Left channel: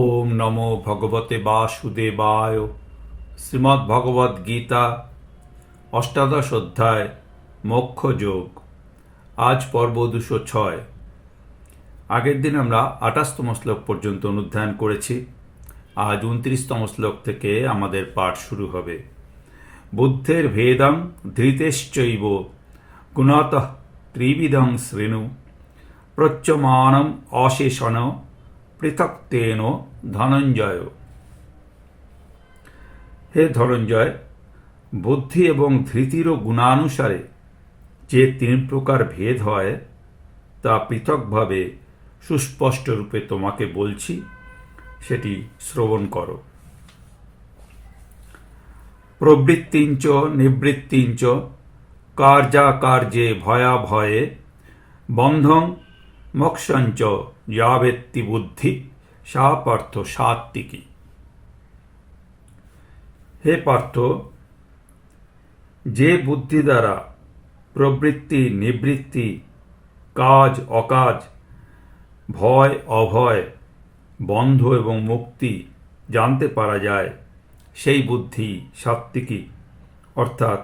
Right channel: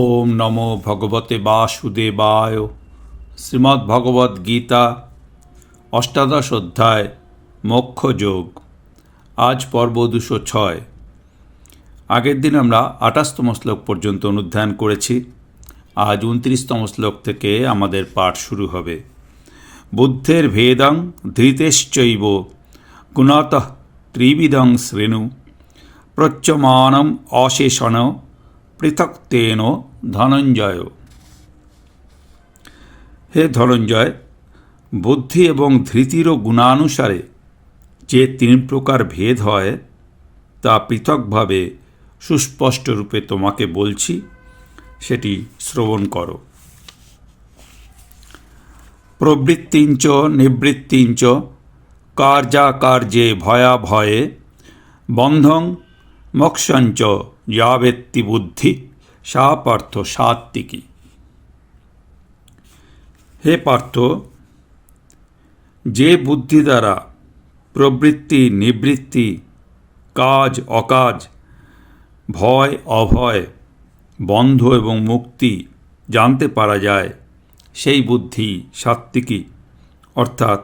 ওম নমো ভগবতে বাসুদেবায়। শ্রীমদ্ ভগবদ্ গীতা, অষ্টাদশ অধ্যায় মোক্ষ যোগ আজ পর্ব দুশো ছয়। আগের দিন আমরা আঠাশতম শ্লোক পর্যন্ত অনুধ্যান করেছি। আজ উনত্রিশতম শ্লোক থেকে আমাদের পাঠ শুরু হবে। বুদ্ধের ভেদং ধৃতেশ্চৈব গুণাত ত্রিবিদং শ্রেণু প্রচ্যমানম অশেষণ পৃথক তেন ধনঞ্জয়। হে ধনঞ্জয়, বুদ্ধি এবং ধৃতিরও গুণানুসারে যে তিন প্রকার ভেদ হয়, তা পৃথকভাবে সুস্পষ্ট রূপে তোমাকে বলছি, সেটি শ্রবণ করো। প্রবৃত্তিঞ্চ, নিবৃত্তিঞ্চ, কার্যাকার্যে ভয়াভয়ে, বন্ধং মোক্ষঞ্চ যাবেত্তি বুদ্ধি সা পার্থ সাত্বিকী হে পার্থ, যে বুদ্ধি দ্বারা প্রবৃত্তি, নিবৃত্তি, কাজ, অকাজ, ভয়, অভয়, বন্ধ এবং মুক্তি জানতে পারা যায়, সেই বুদ্ধি সাত্বিকী অর্থাৎ,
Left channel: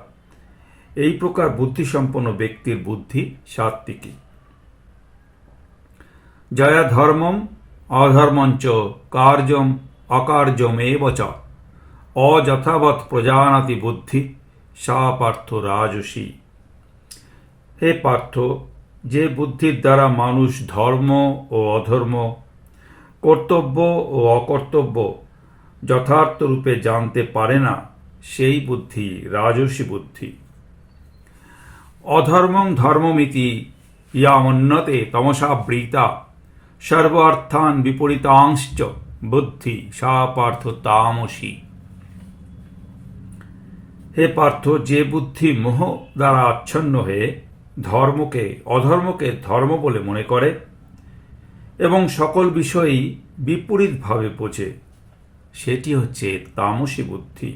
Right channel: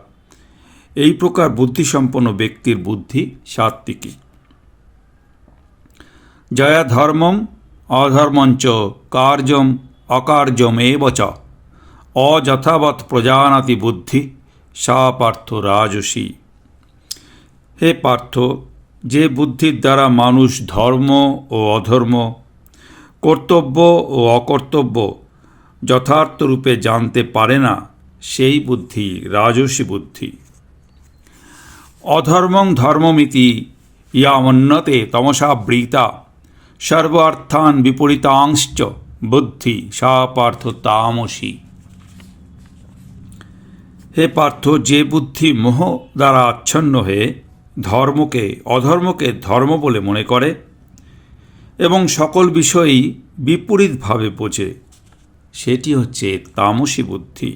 এই প্রকার বুদ্ধিসম্পন্ন ব্যক্তির বুদ্ধি সাত্বিকী জয়া ধর্মম অধর্মঞ্চ কার্যম অকার্যমেব চ। অযথাবৎ প্রজানাতি বুদ্ধি, সা পার্থ রাজসী। হে পার্থ, যে বুদ্ধির দ্বারা মানুষ ধর্ম ও অধর্ম, কর্তব্য ও অকর্তব্য যথার্থ রূপে জানতে পারে না, সেই বুদ্ধি রাজসী বুদ্ধি। অধর্মং ধর্মমিতি, ইয়ামন্নতে তমসা বৃতা সর্ব অর্থান বিপরীতাংশ্চ বুদ্ধি, সা পার্থ তামসী। হে পার্থ, যে বুদ্ধি মোহ দ্বারা আচ্ছন্ন হয়ে ধর্মকে, অধর্মকে ধর্ম বলে মনে করে এবং সকল বিষয়ই বিপরীতভাবে বোঝে, সেটি হচ্ছে তামসী বুদ্ধি।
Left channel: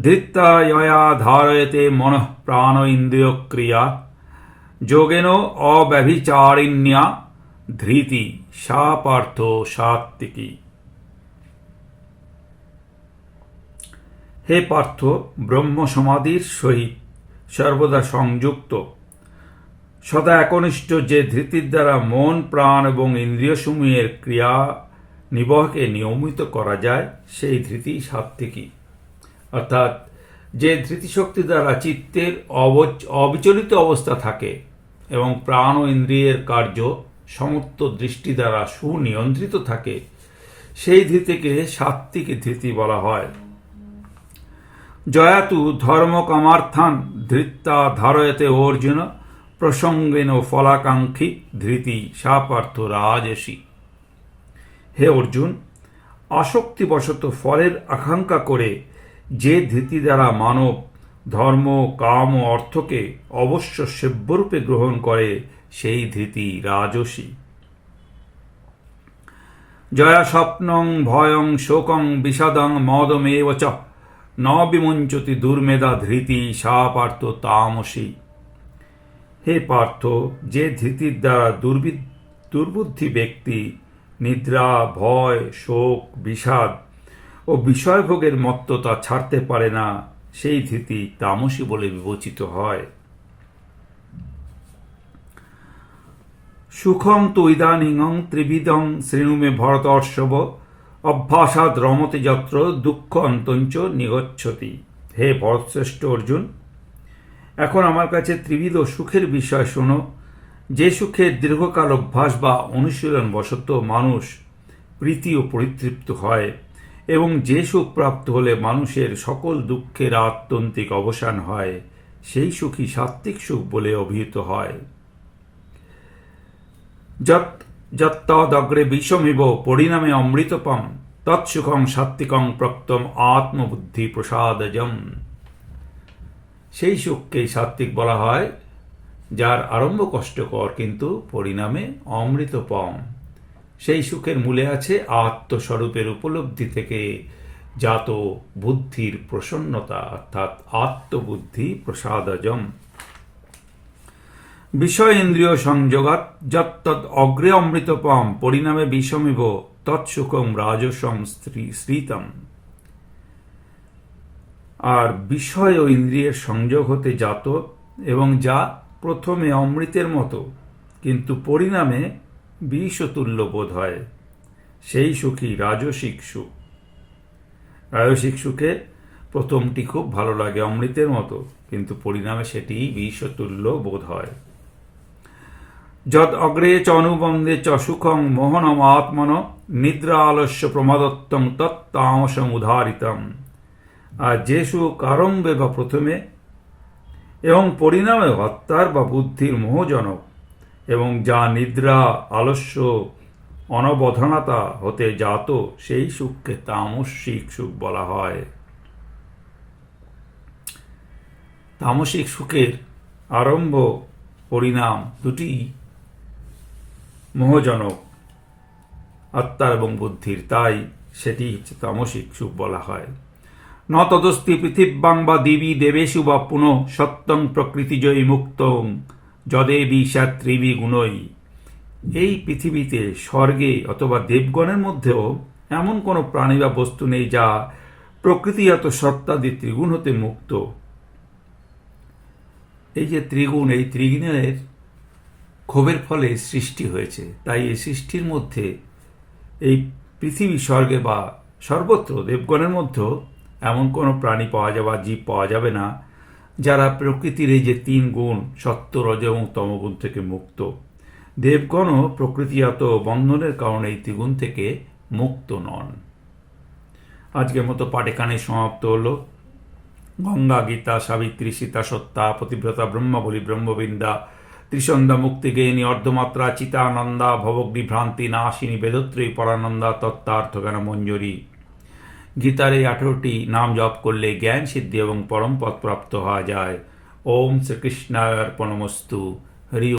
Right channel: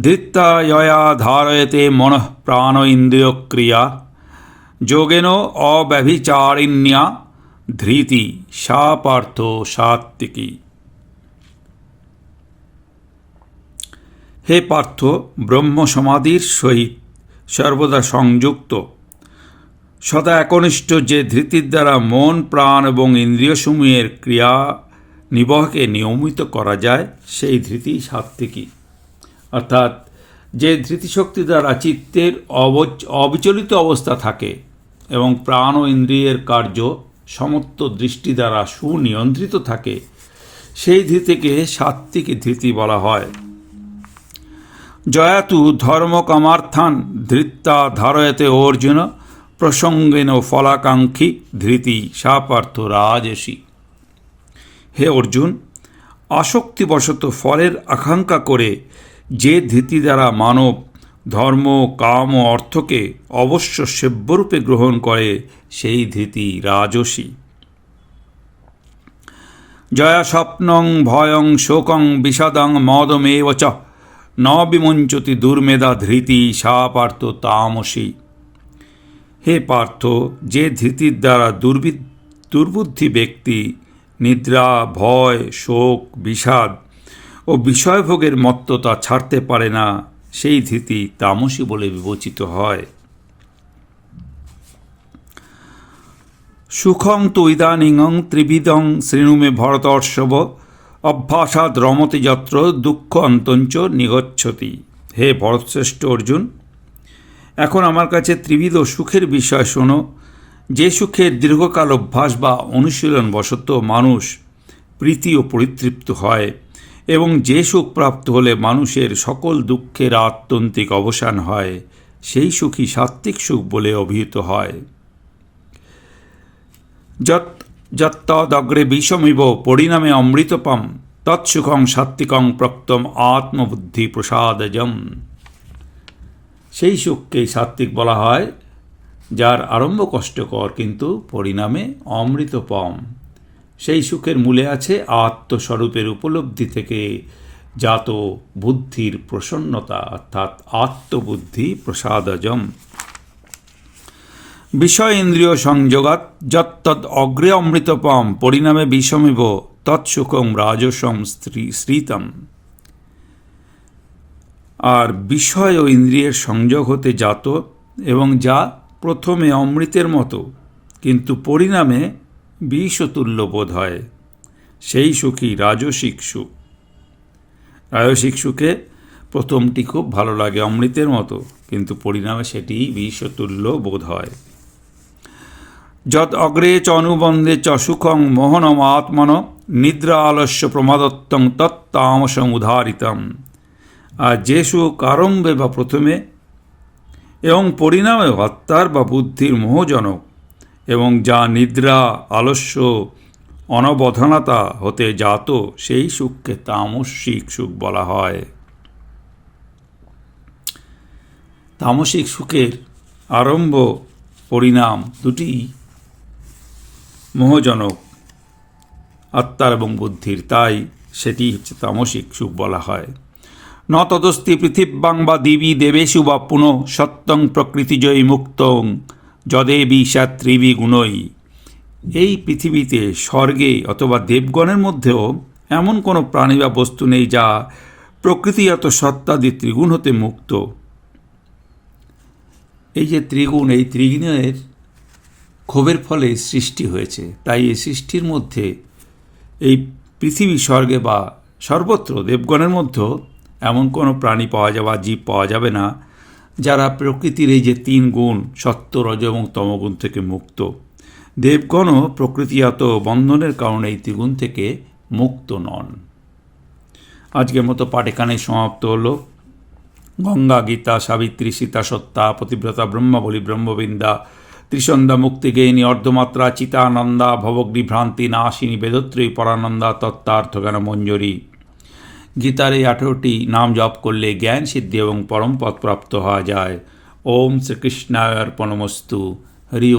ধৃত্তায়য়া ধারয়তে মনঃ প্রাণ ইন্দ্রিয় ক্রিয়া যোগেন অব্যভিচারিণ্যা ধৃতি সা পার্থ সাত্বিকী হে পার্থ, ব্রহ্ম সমাধির সহিত সর্বদা সংযুক্ত। সদা একনিষ্ঠ যে ধৃতির দ্বারা মন, প্রাণ এবং ইন্দ্রিয়সমূহের ক্রিয়া নিবহকে নিয়মিত করা যায়, সেই ধৃতি সাত্বিকী অর্থাৎ যে ধৃতিশক্তি দ্বারা চিত্তের অবচ, অবিচলিত অবস্থা থাকে এবং প্রাণ ও ইন্দ্রিয়ের কার্য সমস্ত দৃষ্টি দ্বারা সুনিয়ন্ত্রিত থাকে। সেই ধৃতিকে সাত্বিক ধৃতি বলা হয়। জয়াতু ধর্মকামার্থান ধৃত্তা ধারয়তে অর্জুন প্রসঙ্গেন ফলাকাঙ্ক্ষী ধৃতি সাপার্থ রাজসী। হে অর্জুন, আসক্তিবশত ফলের আকাঙ্ক্ষা করে যে ধৃতি দ্বারা মানব ধর্ম, কাম ও অর্থকে অবশ্য সেব্যরূপে গ্রহণ করে সেই ধৃতি রাজসী। জয়া স্বপ্নং ভয়ং শোকং বিষাদং মদমেব চ। ন বিমঞ্চতি দুর্মেধা ধৃতি সা পার্থ তামসী। হে পার্থ, যে ধৃতির দ্বারা দুর্বি দুর্বুদ্ধি ব্যক্তি নিদ্রা, ভয়, শোক, বিষাদ ও বিষয়ভোগের মত্ততা ছাড়তে পারে না সেই ধৃতি তামসী বলে বিবেচিত হয়। সুখং তু ইদানিং ত্রিবিধং শ্রেণুমে ভরতর্ষব অভ্যাসাদ রমতি যত্র দুঃখ অন্তঞ্চ নিগচ্ছতি। হে ভরতশ্রেষ্ঠ অর্জুন, এখন আমার কাছে ত্রিবিধ সুখের বিষয় শোনো। যে সুখের দীর্ঘকাল অভ্যাস বা অনুশীলন বশত মানুষ প্রীতি ও পরিতৃপ্ত হয়। এবং যে সুখ প্রাপ্ত হলে মানুষের সকল দুঃখের আত্যন্তিক অবসান হয়, সেই সুখই সাত্ত্বিক সুখ বলে অভিহিত হয়। যত যত্তদগ্রে বিষমিব পরিণামে অমৃতপম তৎসুখং সাত্বিকং প্রক্তম আত্মবুদ্ধি প্রসাদজম। সেই সুখকেই সাত্বিক বলা হয়, যার আরম্ভ কষ্টকর কিন্তু পরিণামে অমৃতপম সেই সুখের মূলে আছে আত্মস্বরূপের উপলব্ধি থেকে জাত বুদ্ধির প্রসন্নতা, অর্থাৎ আত্মবুদ্ধি প্রসাদজম। বিষয় ইন্দ্রিয় সংযোগাত যত্তদ অগ্রে অমৃতপম পরিণামে বিষমিব তৎসুখম রাজসম শ্রীতম আর বিষয় ও ইন্দ্রিয়ের সংযোগ হতে জাত এবং যা প্রথমে অমৃতের মতো, কিন্তু পরিণামে বিষতুল্য বোধ হয়। সেই সুখী রাজসিক সুখ। রাজসিক সুখে প্রথমটি খুব ভালো লাগে অমৃতের মতো, কিন্তু পরিণামে সেটি বিষতুল্য বোধ হয়। যদ অগ্রে চ অনুবন্ধে চ সুখং মোহনম আত্মন নিদ্রা আলস্য প্রমাদত্তং তত্তামসং উদারিতম। আর যে সুখ আরম্ভে বা প্রথমে, এবং পরিণামে হত্যার বা বুদ্ধির মোহজনক এবং যা নিদ্রা, আলস্য, অনবধানতা হতে জাত, সেই সুখকে তামসিক সুখ বলা হয়। তামসিক সুখের আরম্ভ পরিণাম দুটি মোহজনক, আত্মার এবং বুদ্ধির, তাই সেটি হচ্ছে তামসিক সুখ বলা হয়। ন তদস্তি পৃথিব্যাং বা দেবী দেবেশু বা পুনঃ সত্যং প্রকৃতিজয়ী মুক্তং। যদেবী সাত্রিবী গুণই। এই পৃথিবীতে স্বর্গে অথবা দেবগণের মধ্যেও এমন কোনো প্রাণী বা বস্তু নেই যা প্রকৃতিগত সত্তাদি ত্রিগুণ হতে মুক্ত। এই যে ত্রিগুণ, এই ত্রিগুণের ক্ষোভের ফলে সৃষ্টি হয়েছে। তাই এই সৃষ্টির মধ্যে এই পৃথিবী স্বর্গে বা সর্বত্র দেবগণের মধ্যেও এমন কোনো প্রাণী পাওয়া যাবে বা জীব পাওয়া যাবে না যারা প্রকৃতির এই যে তিন গুণ, সত্য, রজ এবং তমগুণ থেকে মুক্ত দেবগণও প্রকৃতিগত বন্ধনের কারণে এই ত্রিগুণ থেকে মুক্ত নন। আজকের মতো পাঠ সমাপ্ত হলো। গঙ্গা, গীতা, সাবিত্রী, সীতা, সত্তা, পতিব্রতা, ব্রহ্মবলী, ব্রহ্মবিন্দা, ত্রিসন্ধ্যা মুক্তিগেয়িনী অর্ধমাত্রা, চিতানন্দা, ভবগ্নি, ভ্রান্তি, নাশিনী বেদত্রী পরানন্দা তত্ত্বার্থজ্ঞান মঞ্জরি গীতার এই আঠেরোটি নাম জপ করলে জ্ঞান সিদ্ধি এবং পরম পদ প্রাপ্ত হওয়া যায়। ওম শ্রীকৃষ্ণায় অর্পণমস্তু হরি